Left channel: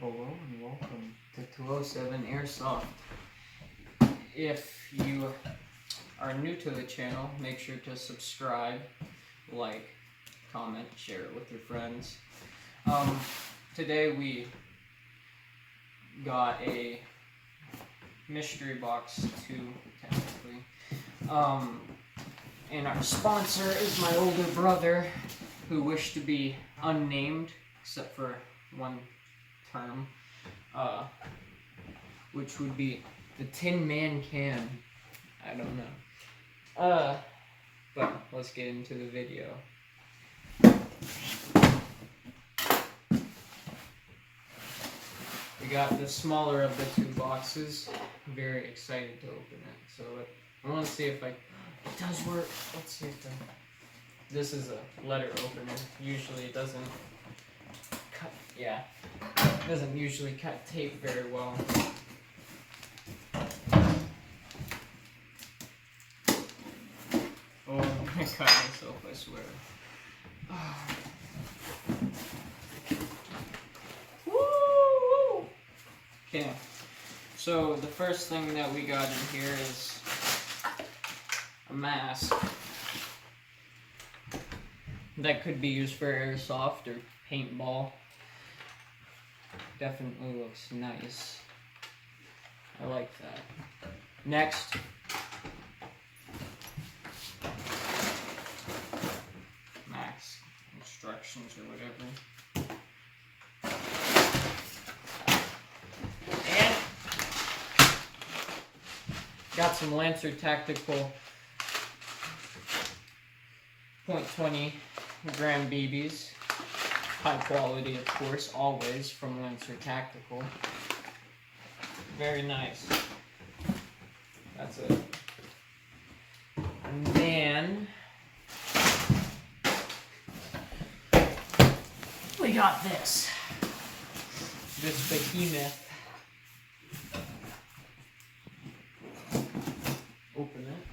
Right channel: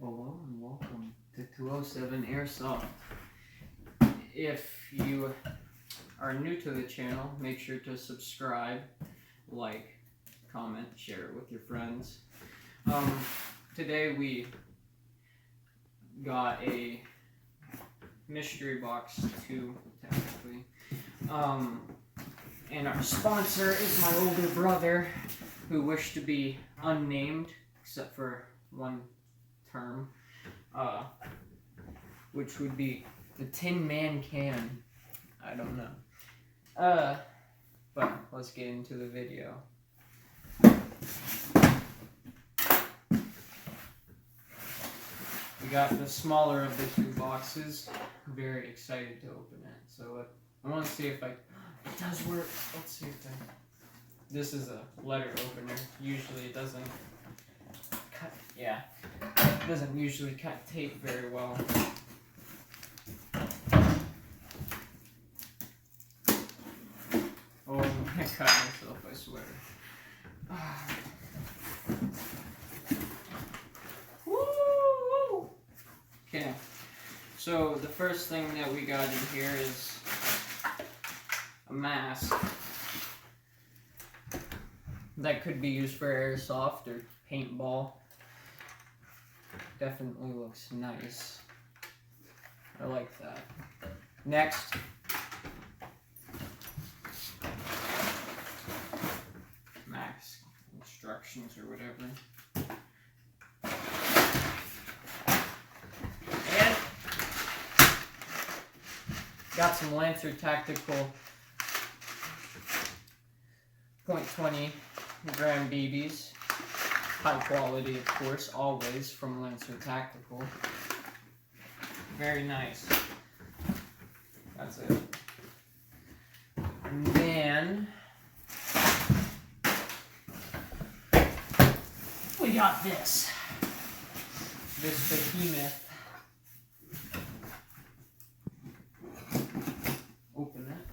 Hello and welcome to 207 Airsoft. If you are new to the channel, make sure to subscribe, like, comment, share it with your friends. Today we got a mystery box too, technically. And our sponsor is my older brother, who wished to be unnamed, except for one term, which would be the Tin Man Can. I don't know. But let's get into the video. We got the smaller of the two boxes. I'm very excited to open it. So I want to see if it does work. Let's see if this is a letter opener. Usually it doesn't cut. Yeah. It doesn't usually cut tape very well. Oh, I cut myself, I swear. Woo! Okay, so the first thing that we got in here is a mask that could be used for airsoft or paintball. Definitely looks nice. I like that. Next, max instructions or whatever. And got some Lancer Tactical .20 gram BBs. High quality, of course, always from Lancer Tactical. Very nice. That's it. And then we got this. This behemoth. Open it.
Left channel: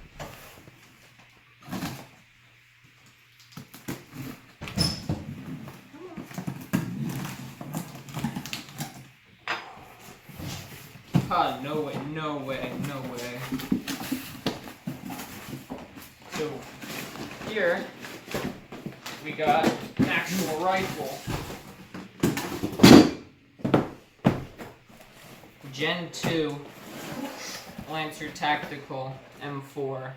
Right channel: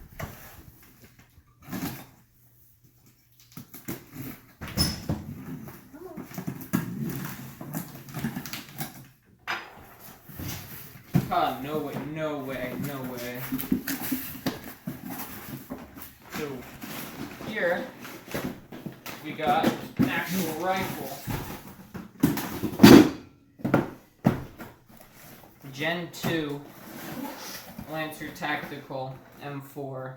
Ah, no way, no way, no way. So, here, we got an actual rifle. Gen 2 Lancer Tactical M4.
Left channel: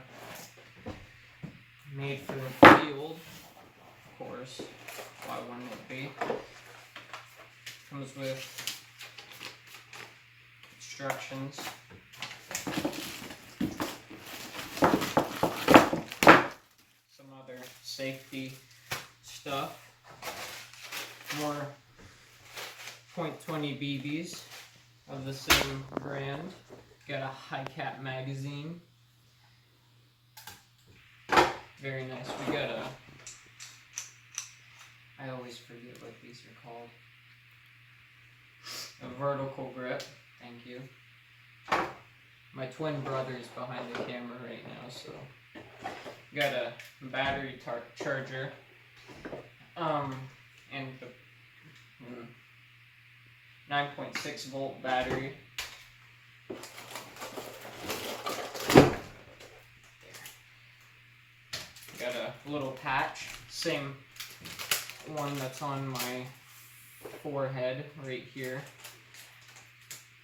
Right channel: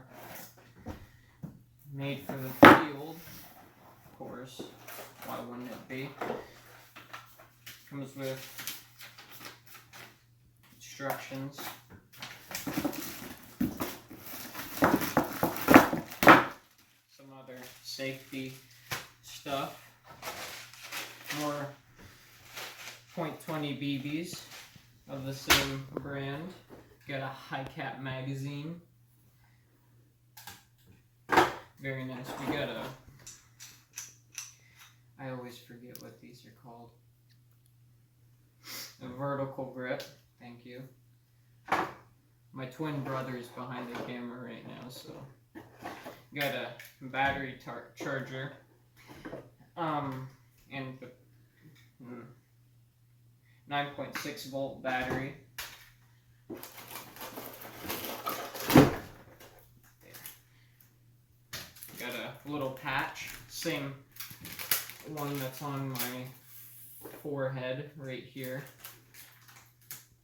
Made for the field, of course. Why wouldn't it be? Comes with instructions. Some other safety stuff. More .20 BBs of the same brand. Got a high cap magazine. Very nice. We got I always forget what these are called. A vertical grip. Thank you. My twin brother is behind the camera right now, so got a battery charger, and the 9.6 volt battery. There. Got a little patch, same one that's on my forehead right here.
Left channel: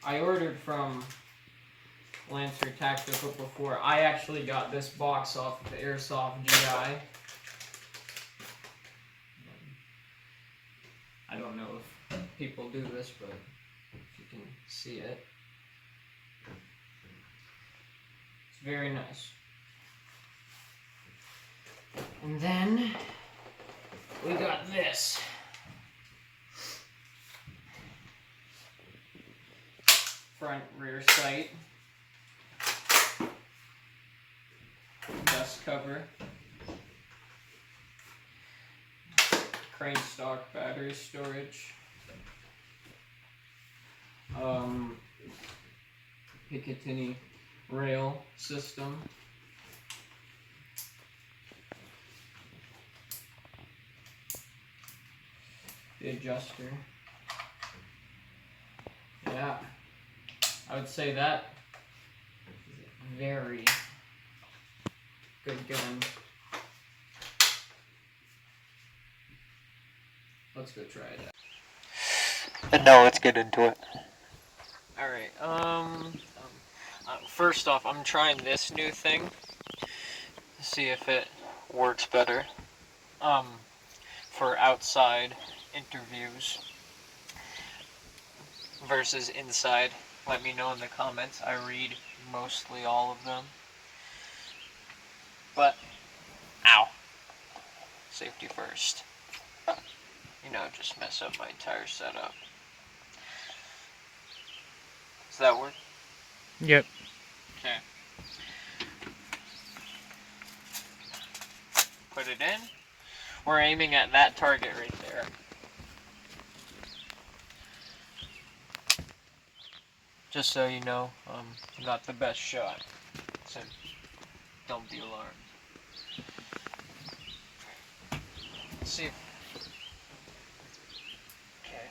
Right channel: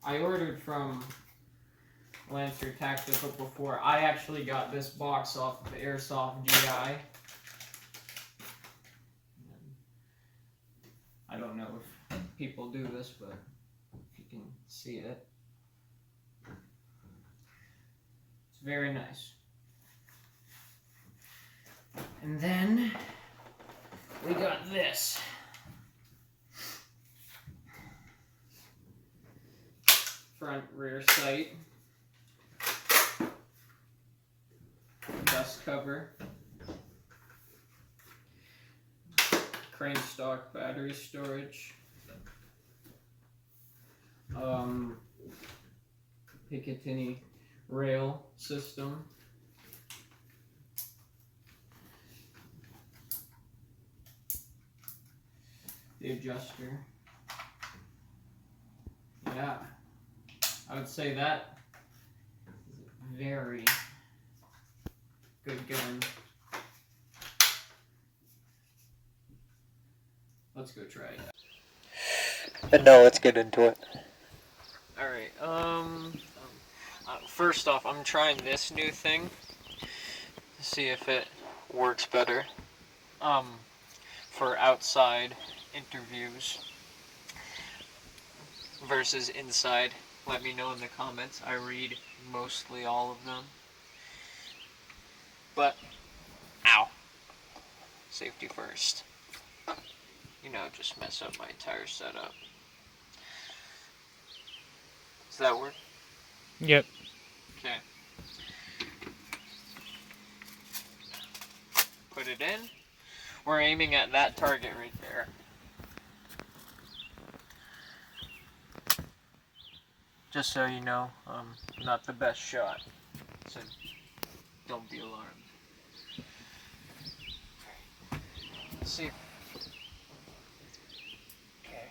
I ordered from Lancer Tactical before. I actually got this box off of the Airsoft GI. I don't know if people do this, but you can see it. It's very nice. And then we got this. Front rear sight, dust cover, crane stock battery storage, Picatinny rail system, the adjuster, yeah. I would say that is a very good gun. Let's go try it. And now let's get into it. Alright, first off, I'm trying this new thing. See if it works better. For outside interviews versus inside. Let me know in the comments. I read mostly all of them. But, ow. Safety first. You know, just mess up my entire setup. Does that work? Yep. Okay. Put it in. We're aiming at that target right there. Just so you know, not the best shot. So don't be alarmed. Let's see. Okay.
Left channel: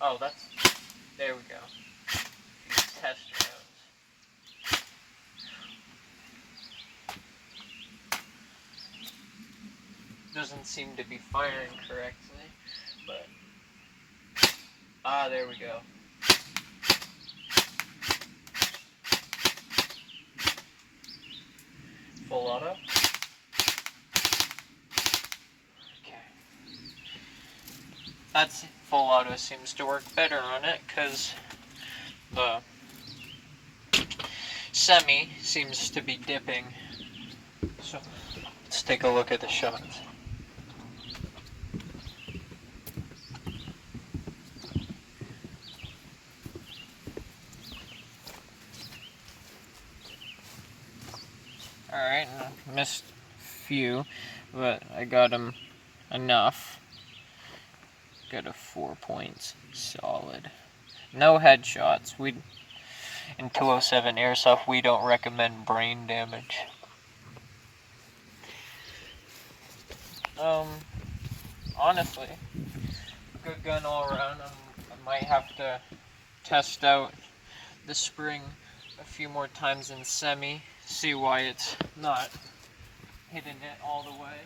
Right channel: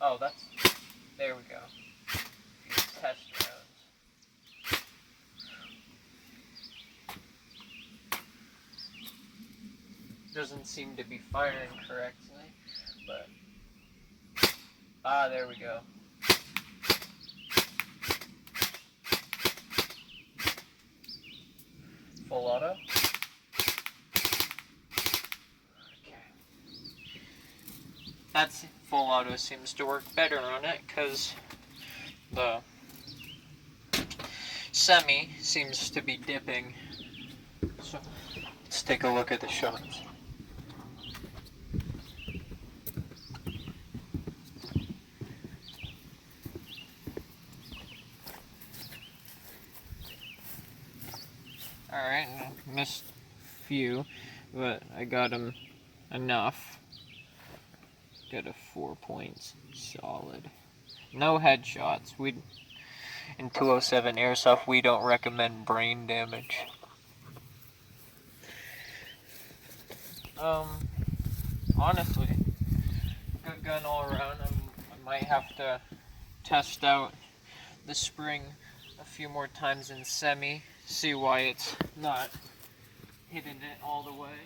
Oh, that's. There we go. Test rounds. Doesn't seem to be firing correctly, but. Ah, there we go. Full auto. Okay. That's full auto seems to work better on it because the semi seems to be dipping. So let's take a look at the shots. Alright, missed a few, but I got them enough. Got a 4 points, solid. No headshots. In 207 Airsoft, we don't recommend brain damage. Honestly, good gun all around. I might have to test out the spring a few more times in semi, see why it's not hitting it all the way.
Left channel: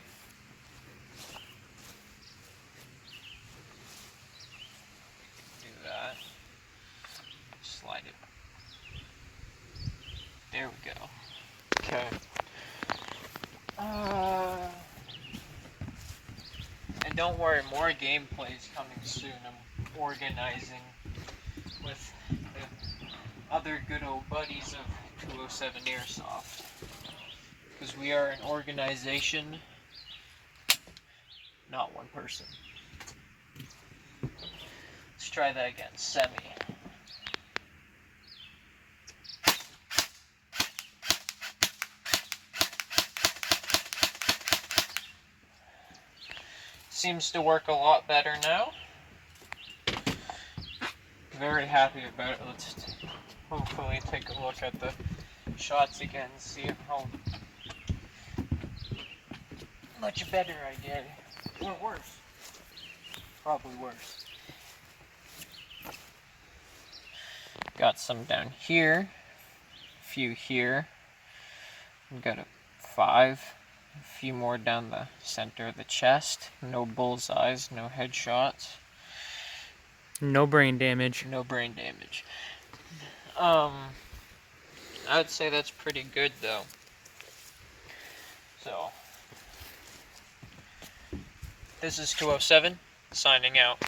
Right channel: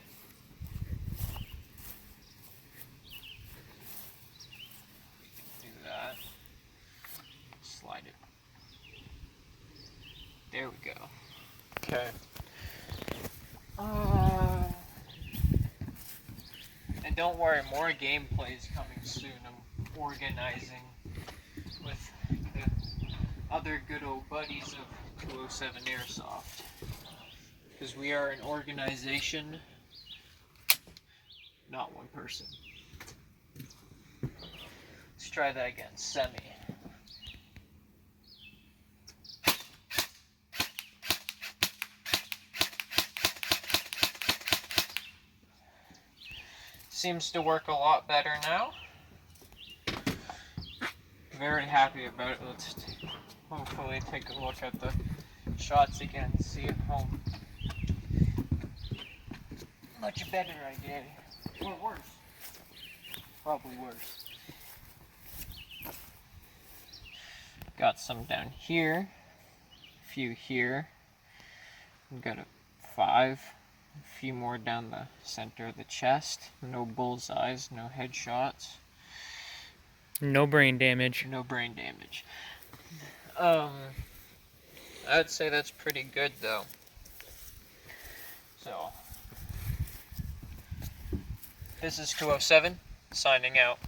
Do that. Slide it. There we go. Okay. And don't worry, more gameplays coming soon. I'm organizing with the other good old buddies of 207 Airsoft. Because we are an organization, not one person. Let's try that again. Semi. Seems to work a lot better now. Very happy about it. Let's hopefully take a look at the shots again, see how much better I did. Or worse. Probably worse. Got some down here. A few here. Got a 5. A few more down the center of the chest. No bullseyes, no headshots. No brain damage. No brain damage. I would say that's pretty good though. So, this is 207, signing out.